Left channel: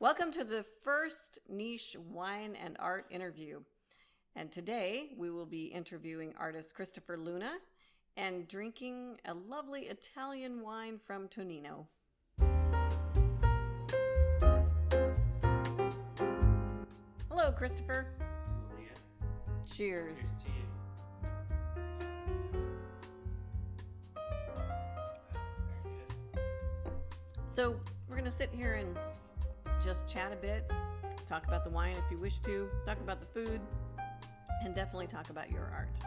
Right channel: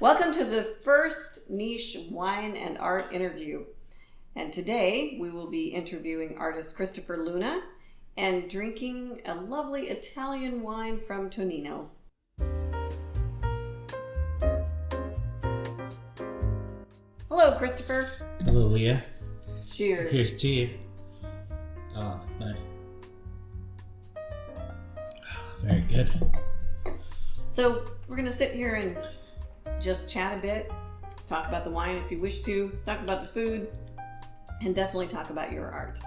Welcome to the first niche wine and art interview. And today we will be interviewing artist Christopher Luna and drinking a lovely Italian wine from Tonino. Hello, Christopher. Hello, Leah. Cheers. Here's to you. Oh, that's nice. Very good. So we're going to sit here and just chat a bit, talk about the wine if you wish to, talk about the food, and definitely talk about your art.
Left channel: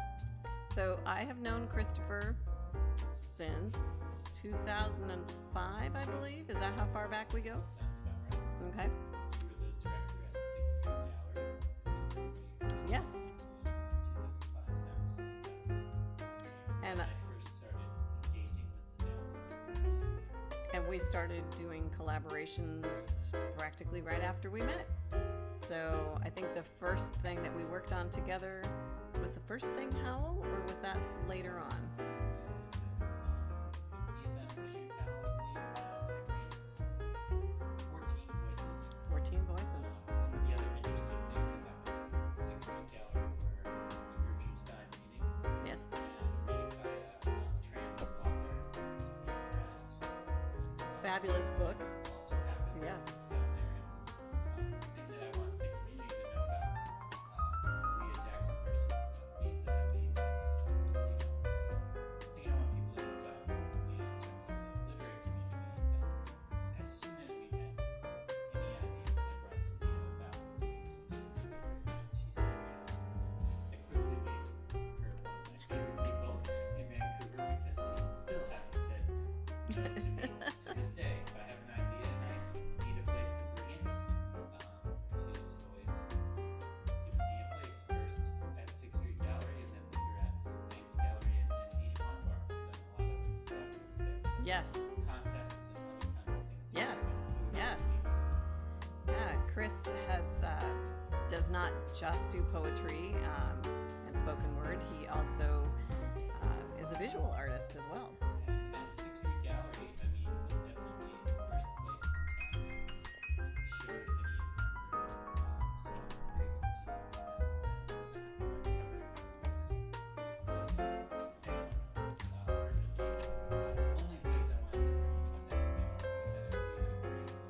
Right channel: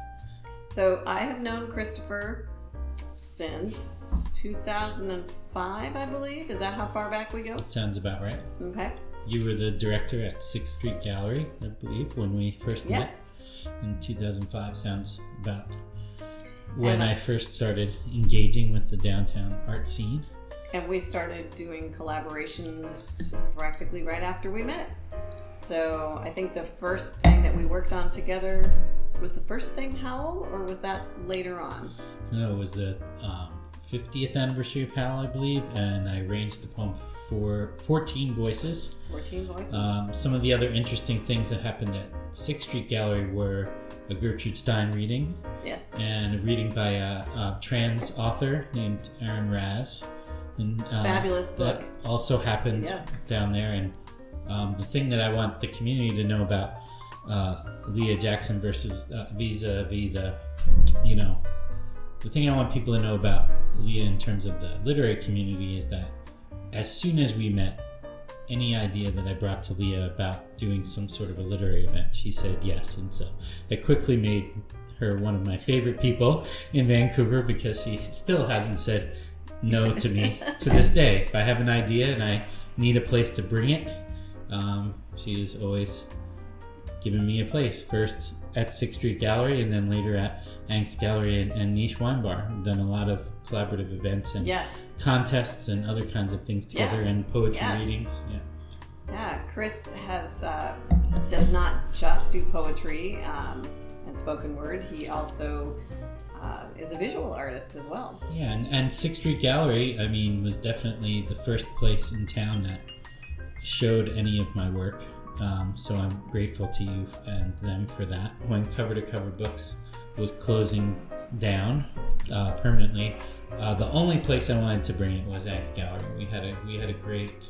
So I have known Christopher since 2005, I believe. Is that how far back we go? Sounds about right. Okay. You were the director at 6th Street Gallery, I believe, when we first met. Yes. In 2005 sounds about when I first started engaging with the downtown art scene. And we started doing collaborations practically right after we met. So I think the first thing that we worked on together was the first thing Howl, or was that later on? No, it was the 50th anniversary of Howl, I believe, and I arranged the poem for 14 voices. 14 voices. Some of the other interesting things that happened at 6th Street Gallery were a Gertrude Stein reading. Yes. And a reading by a trans author named Aaron Raz. And, Fabulous book. That also happened down there. And the thing that I want the community to know about Leah Jackson versus vis-a-vis the thing I want people to know about Leah in terms of the literary community is that as soon as we met, any idea that I brought to Leah about doing some sort of a literary event, she said yes. And so it quickly made her one of my favorite people in Vancouver because she still hasn't said no to me to this day. If I have an idea and I need a place to bring it, she's always given me a place. First at 6th Street Gallery and then later at Angst Gallery and Niche Wine Bar. We've done a lot of collaborative events and contests and other kinds of things together and poetry readings. Yeah, Chris does not just do poetry and spoken word. He also is a visual artist as well. Yeah, and 6th Street Gallery, I mean, was definitely the first place in town that showed any of my work. So I'm grateful to you and them for that. When Cover to Cover Books was closing down permanently, the only place I wanted to bring it was Angst Gallery. We had a great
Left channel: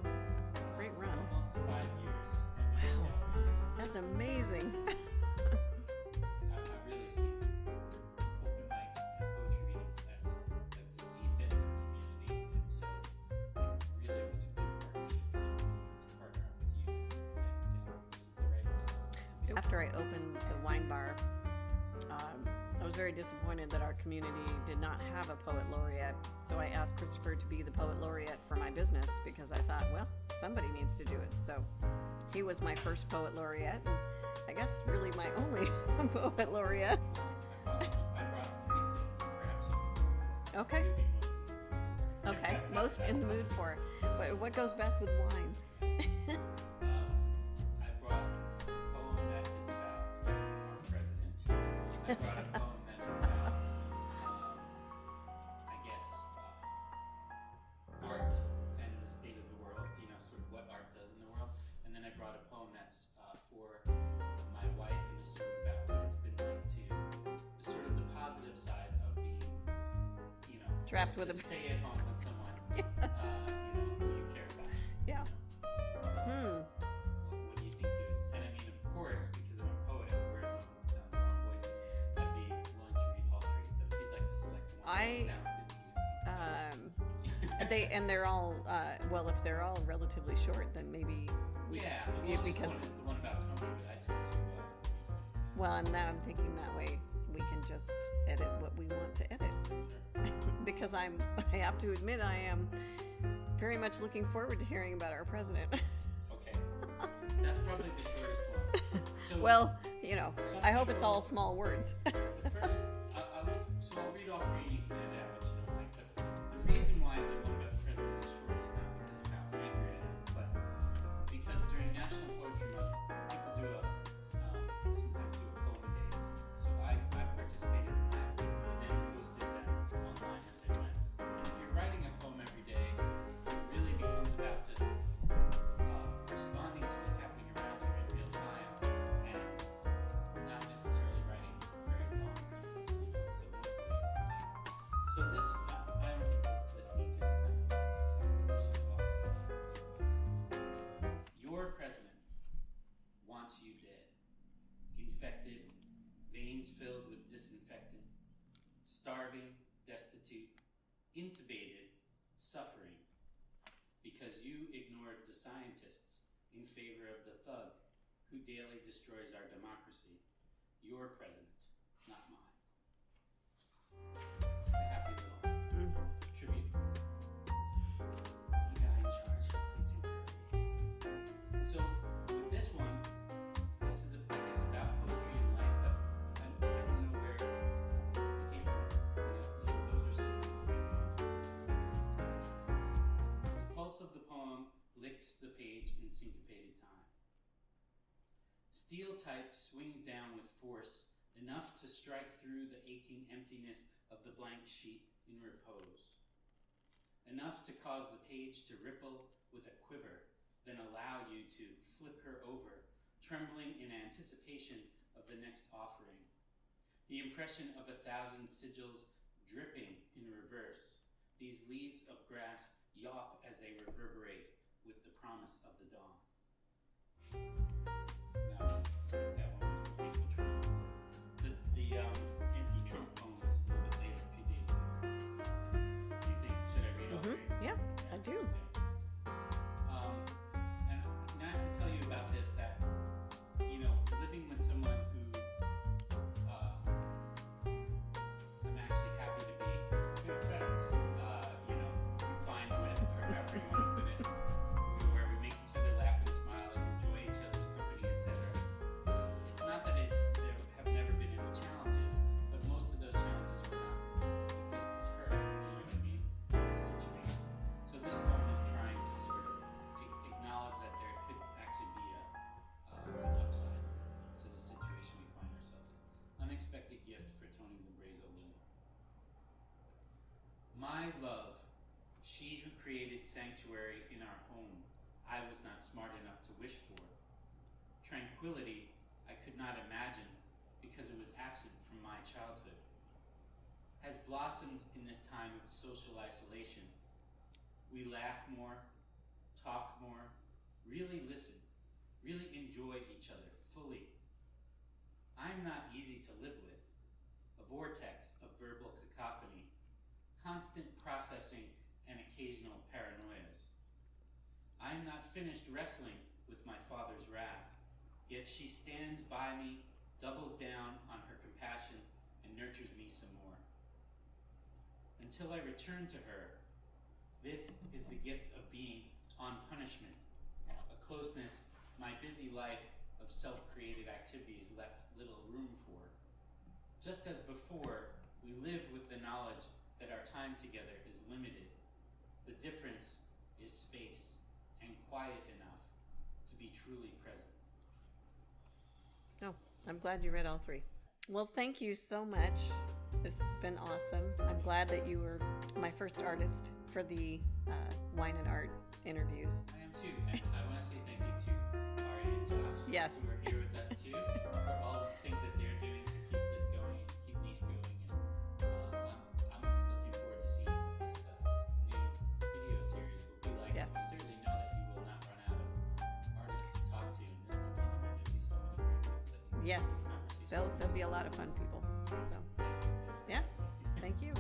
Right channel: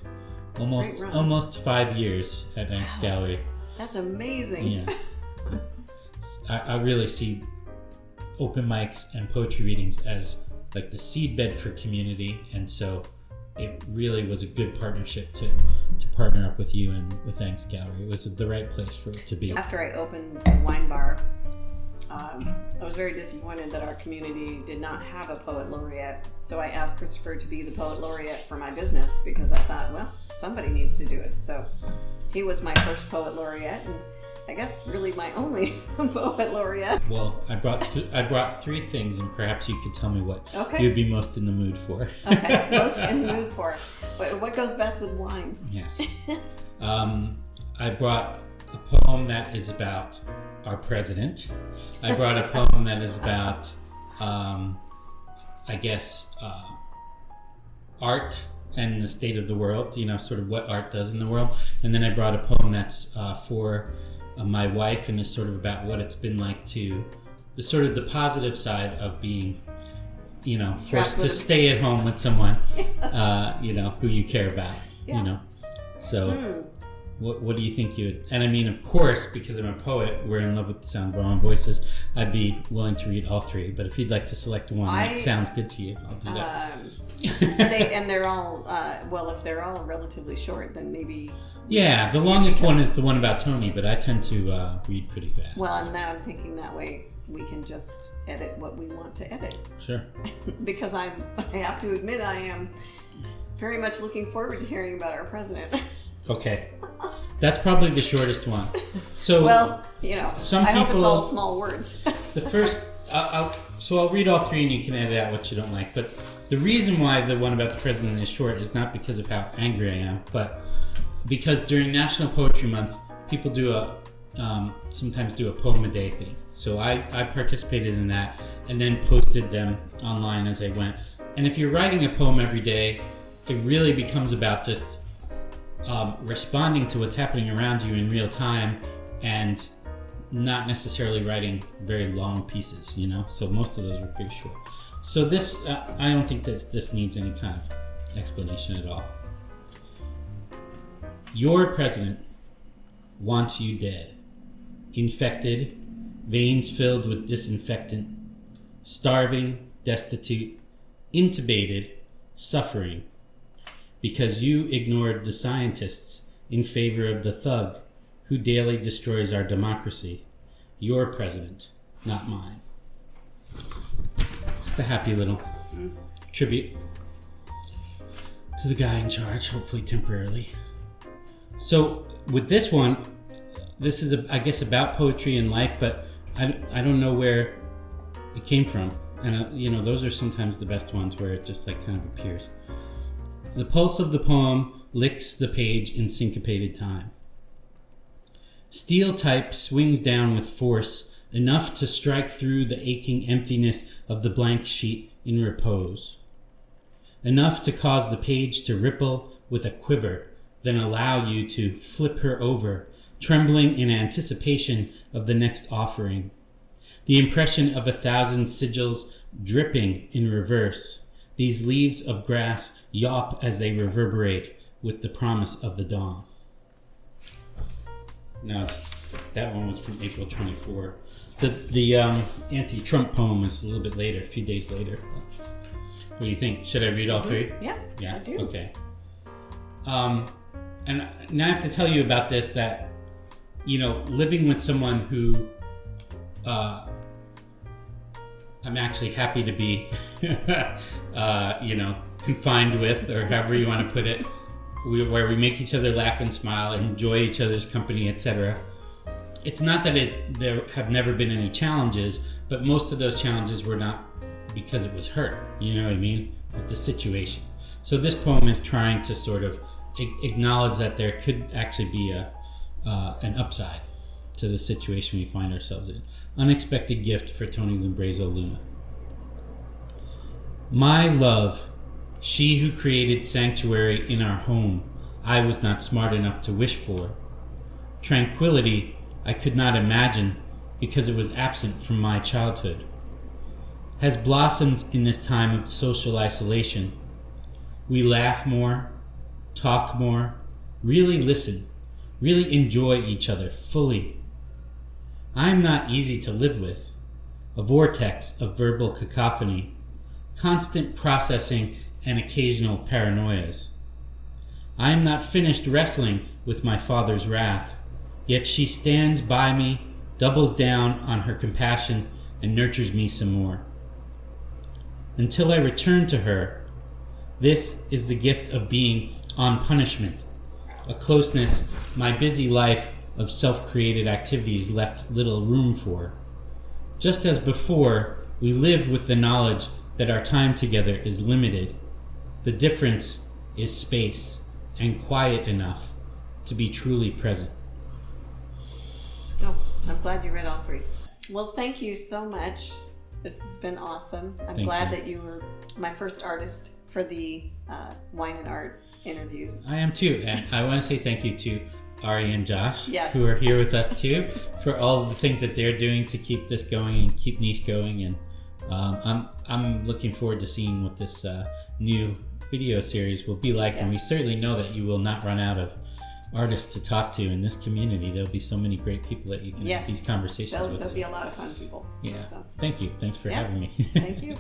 almost 5 years at Angst Gallery. That's amazing. Yeah. I really see open mics and poetry readings as like the seedbed for community, and so it really was a good partnership to partner up with you and with Angst Gallery. It was the right place for it to be. After I opened the wine bar, I was very disappointed that our community did not have a poet laureate. So I asked Christopher to be the poet laureate for my business because I thought, well, somebody needs to do it. So he was my first poet laureate, and I guess really my only poet laureate. Well, I brought three things, and perhaps you could tell me what you'd be most in the mood for. Okay, most in the mood for. What goes best with wine? Yes. I brought a poem that is about our president. I brought a poem that is about, art and the state of the world, sort of what art does in the world. And then I brought a poem that's for my wife, and is sort of about what it's been like to the positive side of being, forced to stay at home with someone, who you care about, So what do you think you would, and I mean, of course, because I'm a poet, we're in love with the sound of our own voices, I'd be willing to read all three, but if you'd like to select one that sounds good to you, I'll do that. They're all, if they're all relatively short, then maybe... Yeah, the longest one is the one about Tony, but I tend to read pretty fast. Well, now I'm thinking that way we can just edit what we want to edit. Sure. Because I have to admit, I am very much looking forward to hearing about our president. Okay. That's probably the shortest one. So, some I people, hope it's all small words. The first, I'll read all three and you can edit out what you don't like. But the reason why the one about the president is short is not because of how angry I am, but because during National Poetry Month, people sometimes do a poem a day thing. So I participated in that and then posted them online as I went. And if you're writing a poem every day, it really becomes about just responding to what's happening around you in real time and not necessarily writing very long pieces, you know? So most of those were pretty short. So this, I don't think that this needs any kind of explanation at all. Your president wants you dead, infected, veins filled with disinfectant, starving, destitute, intubated, suffering, because you ignored the scientists in favor of the thug who daily destroys our democracy. Your president, not mine. Just a happy little tribute to the guy in charge, hopefully temporarily. So with this one, this is, I guess, about poetry and life, but I don't know where it came from. And, you know, those are sometimes the best ones where it just like kind of appears. The pulse of the poem licks the page in syncopated time. Steel type swings down with force, enough to strike through the aching emptiness of the blank sheet in repose. Enough to cause the page to ripple with a quiver, then allow you to flip her over, trembling in anticipation of the next offering. The impression of 1,000 sigils dripping in reverse. These leaves of grass yawp as they reverberate with the promise of the dawn. Now, that one was from April 24. The anti-Trump poem is a little bit later, a few days later. What do you think? Should I read all three? Yeah, Yeah. I do. Okay. And now I have to tell you about this, that, you know, living with someone who I'm actually happy to be, you know, confined with, or however you want to put it, where we make each other laugh and smile, enjoy each other's company, etc. It's not that there have never been any challenges, but most of those challenges were not because it was her, you know what I mean? It was the situation. So this poem is trying to sort of acknowledge that there could actually be an upside to the situation we find ourselves in. Unexpected gift for Tony Limbrazo Luna. My love, she who created sanctuary in our home, I was not smart enough to wish for. Tranquility I could not imagine because it was absent from my childhood. Has blossomed in this time of social isolation. We laugh more, talk more, really listen, really enjoy each other fully. I am not easy to live with, a vortex of verbal cacophony, constant processing and occasional paranoias. I am not finished wrestling with my father's wrath, yet she stands by me, doubles down on her compassion, and nurtures me some more. Until I return to her, this is the gift of being on punishment, a closeness my busy life of self-created activities left little room for. Just as before, we live with the knowledge that our time together is limited. The difference is space and quiet enough to be truly present. Oh, I'm glad you read all three. Well, thank you so much. This has been awesome. I'm glad that you were my first artist for the Wine and Art interviews. I am too, and I want to say thank you to Ari and Josh, yes, who are here with us too, for all the things that they're doing to keep this going and keep Niche going. And I'm looking forward to seeing what this new video series will be like. Yes. And we certainly know that you will not run out of artists to talk to in this community. There'll be so many great people that you can have these conversations with. There'll be a lot of fun people. Yeah. So. Thank you. Thanks for having me. Thank you.